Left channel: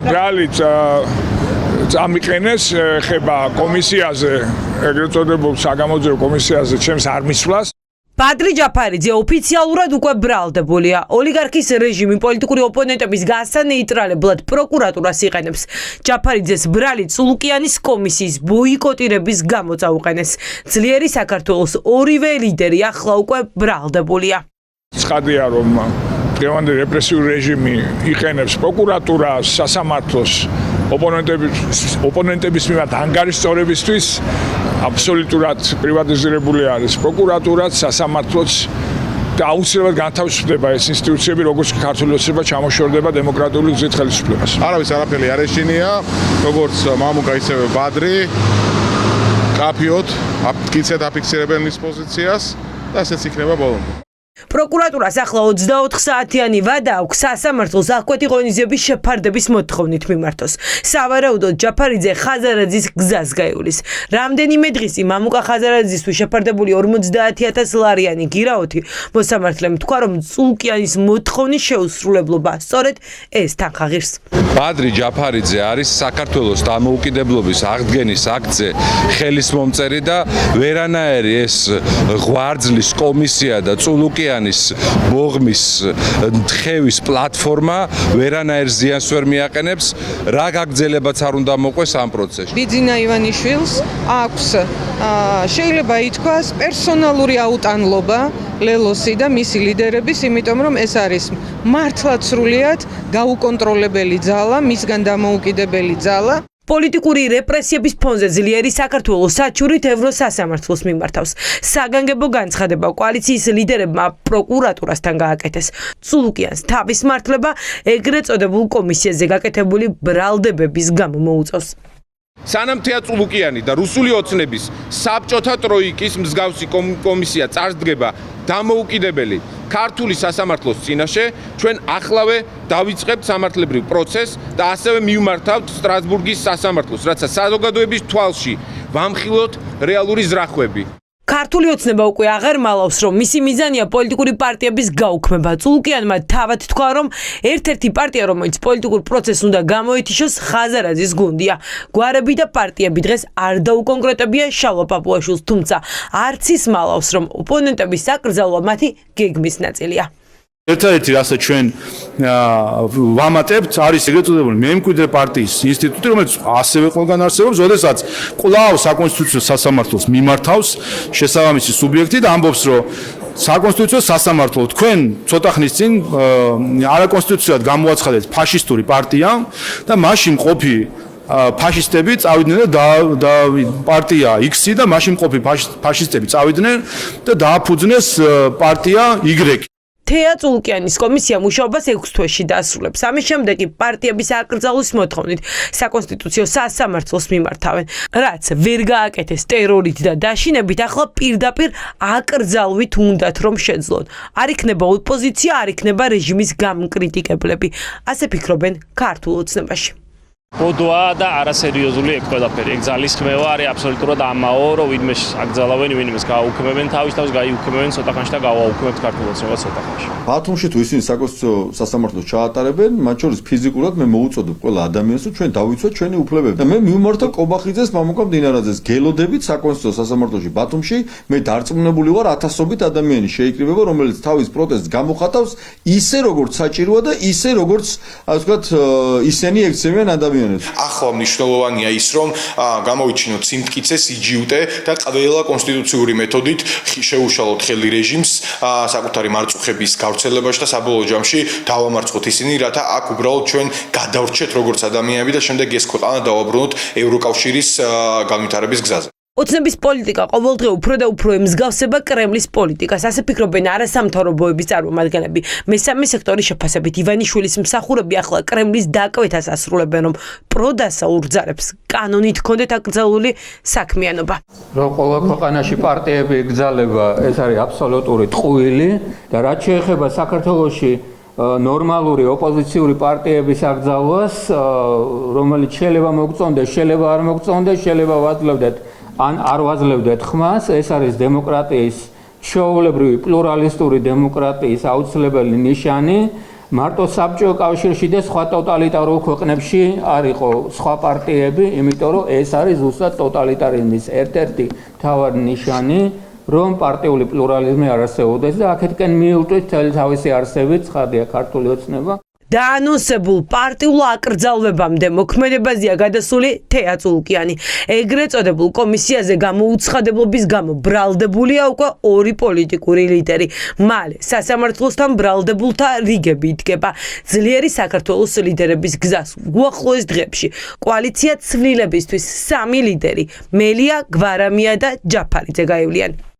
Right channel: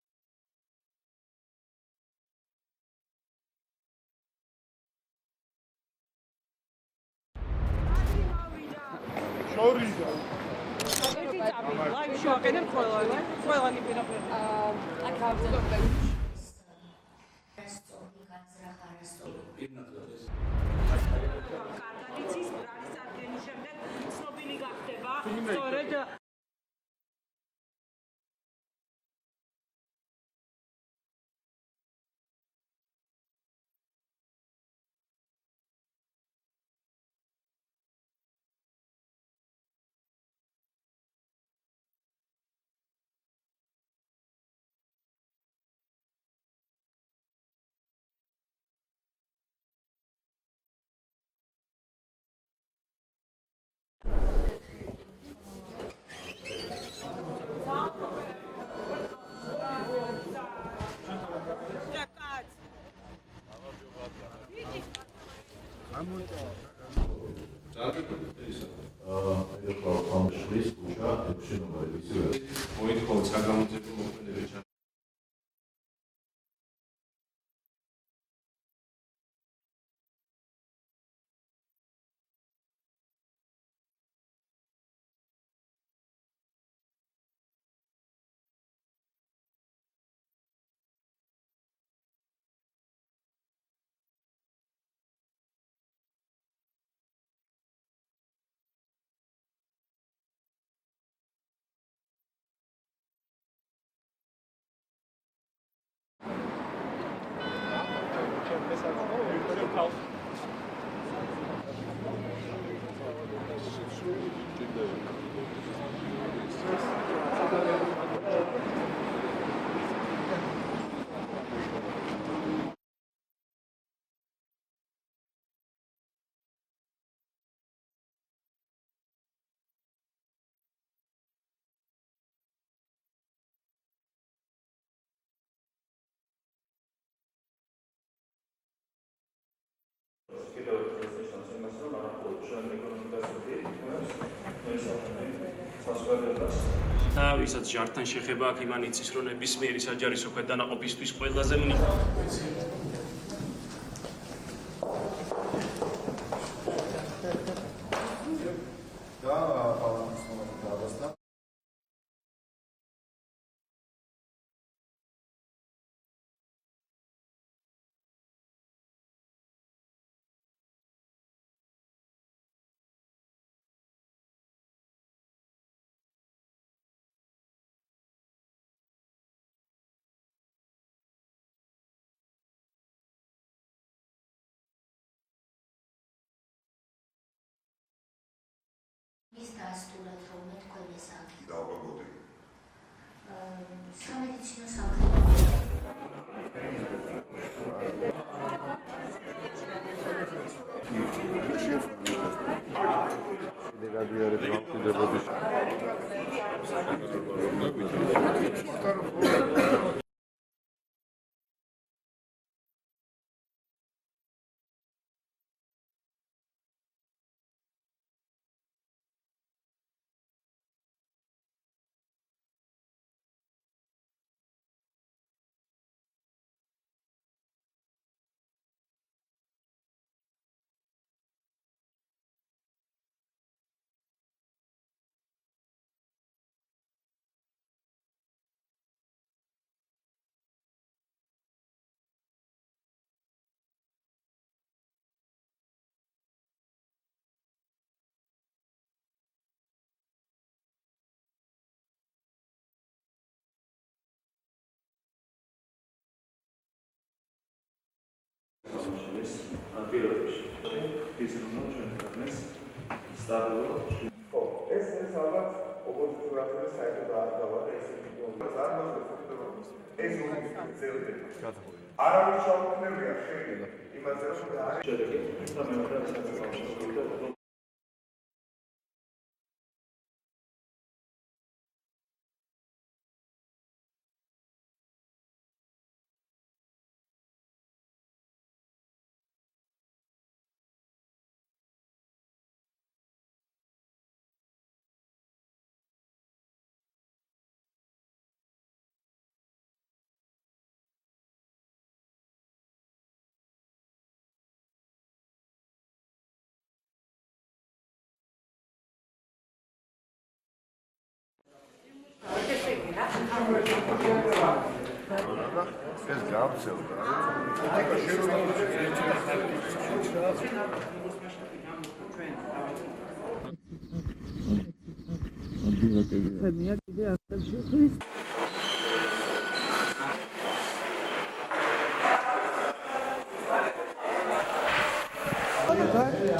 Realit წამიყენეს ხება კომისიაზე, ეგრეთ წოდებულ საგამოძიებო კომისიაზე ჩემს არ მისვლას. ბადრი ჯაფარიძე ოფიციალურად უკვე ბრალდებულია. ოლიგარქის რეჟიმი პოლიტიკური ოპონენტების გასანეიტრალებლად პროკურატურას იყენებს. ჯაფარიძეს ბრალი წულუკიანის კომისიის ბოიკოტირების გამო წაუყენეს. ძლიერი საქართველოს ორივე ლიდერი ახლა უკვე ბრალდებულია. ცხადია, რომ დღევანდელი რეპრესიული რეჟიმი იყენებს პროკურატურას, სასამართლოს ოპონენტების მიმართ ანგარიშწორებისთვის აბსოლუტურად პრივატიზირებული არის პროკურატურაც, სასამართლოც და აუცილებლად განთავისუფლდება ეს ინსტიტუციები, როგორც ქართული ოცნება ჩამოშორდება დემოკრატიული გზით ხელისუფლებას. არავის არაფერი არ ეშინია, როგორც მამუკა ისევე ბადრი, კაფიოთ, მტკიცედ აფიქსირებენ ის პოზიციას და ესეც იქნება ბოლომდე. პროკურატურას ახლა 24 საათიანი ვადა აქვს სასამართლოს აღკვეთი ღონისძიების შეფარდების მოთხოვნით მიმართოს. სავარაუდოდ ჯაფარიძე ხაზარაძის გზას გაივლის. რამდენიმე დღის წინ მამუკა ხაზარაძისთვის შეფარდებული 50,000 ლარიანი გირაოთი მოსამართლემ თქვა, რომ წულუკიანის მოთხოვნის შეუსრულებლობა სწორედ ეს თანხაღირს. ბადრი ჯაფარიძე არის საქართველოს დამოუკიდებლობის აღდგენის აქტზე ხელის მომწერი და ვერანაირი ეს ღვარძლის კომისია და წულუკიანი მოგმის თხევის პლატფორმა ვერანაირ ზიანს ვერ მიაყენებს, რა გაგრძელებაც არ უნდა მოყვეს ამ პროცესში. ბიძინა ივანიშვილს აქვს შეიძლება ითქვას პერსონალური აუტანლობა ლელოსი და მისი ლიდერების, იმიტომ რომ ეს არის მართლაც სრულიად გაუკონტროლებელი ძალა, მისგან დამოუკიდებელი ძალა. პოლიტიკური რეპრესიების ფონზე ძლიერი საქართველოს საჩურით ევროსასამართლოს მიმართავს. საგანგებო განცხადება კოალიციის ლიდერებმა პროკურატურასთან გააკეთეს. წულუკიანს თავის მართლება ეგრეთ წოდებულ კომისიაზე გაკეთებული ბრალდებების გამო მოუწევს. სანამ თეა წულუკიანი და რუსული ოცნების საბჭოთა ტროიკის მსგავსი კომისია წარსდგება დამოუკიდებელი ქართული სასამართლოს წინაშე, ჩვენ ახლავე დავიწყებთ სამართლებრივ პროცესს და ასევე მივმართავთ სტრასბურგის სასამართლოს, რაცა საზოგადოების თვალში ვამხილოთ რეალური ზრახვები. ქართული ოცნება უკვე აღარ მალავს, რომ მისი მიზანია პოლიტიკური პარტიების გაუქმება. წულუკიანმა თავად თქვა, რომ ერთ-ერთი პარტია, რომელიც პოლიტიკურ პროცესს უნდა გამოეთიშოს, ხაზარაძის გუნდია. გვარები და პარტიები დღეს არ დაუკონკრეტებია შალვა პაპუაშვილს, თუმცა არც ის მალავს, რომ ოპონენტების საკრძალვა მათი გეგმის ნაწილია. ერთადერთი რასაც ჩვენ ვამატებთ არის ეგრეთ წოდებული მემკვიდრე პარტიის ინსტიტუტი, რომელიც ასევე ყველგან არსებობს, როდესაც კვლავ საკონსტიტუციო სასამართლოს მიმართავს შესაბამისი სუბიექტი და ამბობს, რომ საკონსტიტუციო სასამართლო თქვენ ცოტა ხნის წინ არაკონსტიტუციურად გამოაცხადეთ ფაშისტური პარტია და მაშინ ყოფი ფაშისტები წავიდნენ და პარტია X-ი და მაშინ ყოფი ფაშისტები წავიდნენ და დააფუძნეს პარტია Y. თეა წულუკიანის კომისია მუშაობას 6 თვეში დაასრულებს. ამის შემდეგ კი პარტიების აკრძალვის მოთხოვნით საკონსტიტუციო სასამართლოს მიმართავენ. რაც ვერ გააკეთეს ტერორით და დაშინებით, ახლა პირდაპირ აკრძალვით უნდათ რომ შეძლონ. არ იქნება ოპოზიცია, არ იქნება რეჟიმის გამკრიტიკებლები. ასე ფიქრობენ ქართულ ოცნებაში. ბოდოა და არასერიოზული ეგ ყველაფერი. ეგ ძალის ხმევა არის აბსოლუტურად ამაო, რომ ვინმე აკრძალავენ, ვინმეს გააუქმებენ, თავის გაიუქმებენ ცოტა ხანში და გავაუქმებთ ქართულ ოცნებას ცოტა ხანში. ბათუმში თუ ისინი საკონსტიტუციო სასამართლოს ჩაატარებენ, მათ შორის ფიზიკურად მე მოუწოდებ ყველა ადამიანს, რომ ჩვენ დავიცვათ ჩვენი უფლებები. და მე მივმართავ კობახიძეს, მამუკა მდინარაძეს გელოდებით საკონსტიტუციო სასამართლოში ბათუმში, მე დარწმუნებული ვარ ათასობით ადამიანი შეიკრიბება, რომელიც თავის პროტესტს გამოხატავს ისე როგორც საჭიროა და ისე როგორც ასე ვთქვათ ისინი ექცევიან ადამიანებს. ახლა მნიშვნელოვანია ის, რომ გამოვიჩინოთ სიმტკიცე, სიჯიუტე და ყველა კონსტიტუციური მეთოდით შეუშალოთ ხელი რეჟიმს საკუთარი მარწუხების გავრცელებაში და საბოლოო ჯამში დავამარცხოთ ისინი, რათა აქ უბრალოდ ჩვენ გადავრჩეთ როგორც ადამიანები და შემდეგ ეს ქვეყანა დავაბრუნოთ ევროკავშირის განვითარების გზაზე. ოცნების პოლიტიკა ყოველდღე უფრო და უფრო ემსგავსება კრემლის პოლიტიკას. ასე ფიქრობენ არასამთავრობოების წარმომადგენლები. მესამე სექტორის შეფასებით ივანიშვილის მსახურები ახლა კრემლის დაკვეთას ასრულებენ, რომ პროდასაურ ძალებს კანონით ჰქონდეთ აკრძალული საქმიანობა. რომ ყველა ქვეყანაში პარტიები ეკრძალება, ეს არის აბსოლუტური ტყუილი და რაც შეეხება საქართველოში ნორმალური ოპოზიციური პარტიების აკრძალვას, რომელიც შეიძლება მოგწონდეს, შეიძლება არ მოგწონდეს, შეიძლება ვაძლევდეთ ან არ ვაძლევდეთ ხმას, ეს არის დემოკრატიის ჩვეულებრივი პლურალისტური დემოკრატიის აუცილებელი ნიშანი მარტო საბჭოთა კავშირში და სხვა ტოტალიტარულ ქვეყნებში არ იყო სხვა პარტიები, იმიტომ რომ ეს არის ზუსტად ტოტალიტარიზმის ერთ-ერთი მთავარი ნიშანი, რომ პარტიული პლურალიზმი არ არსებობდეს და აქეთკენ მიუწვით მთელი თავისი არსებით, ცხადია ქართული ოცნება. დაანონსებულ პარტიულ აკრძალვებამდე მოქმედებაზეა გადასული თეა წულუკიანი. ეგრეთ წოდებულ კომისიაზე გამოუცხადებლობის გამო ბრალდებულია უკვე ორი პოლიტიკური ლიდერი. მალე სასამართლოსთან ბრალდებულთა რიგები იდგება. ძლიერი საქართველოს ლიდერების გზას უახლოეს დღეებში კოალიცია ცვლილებისთვის 3 ლიდერი მელია, გვარამია და ჯაფარიძე გაივლიან.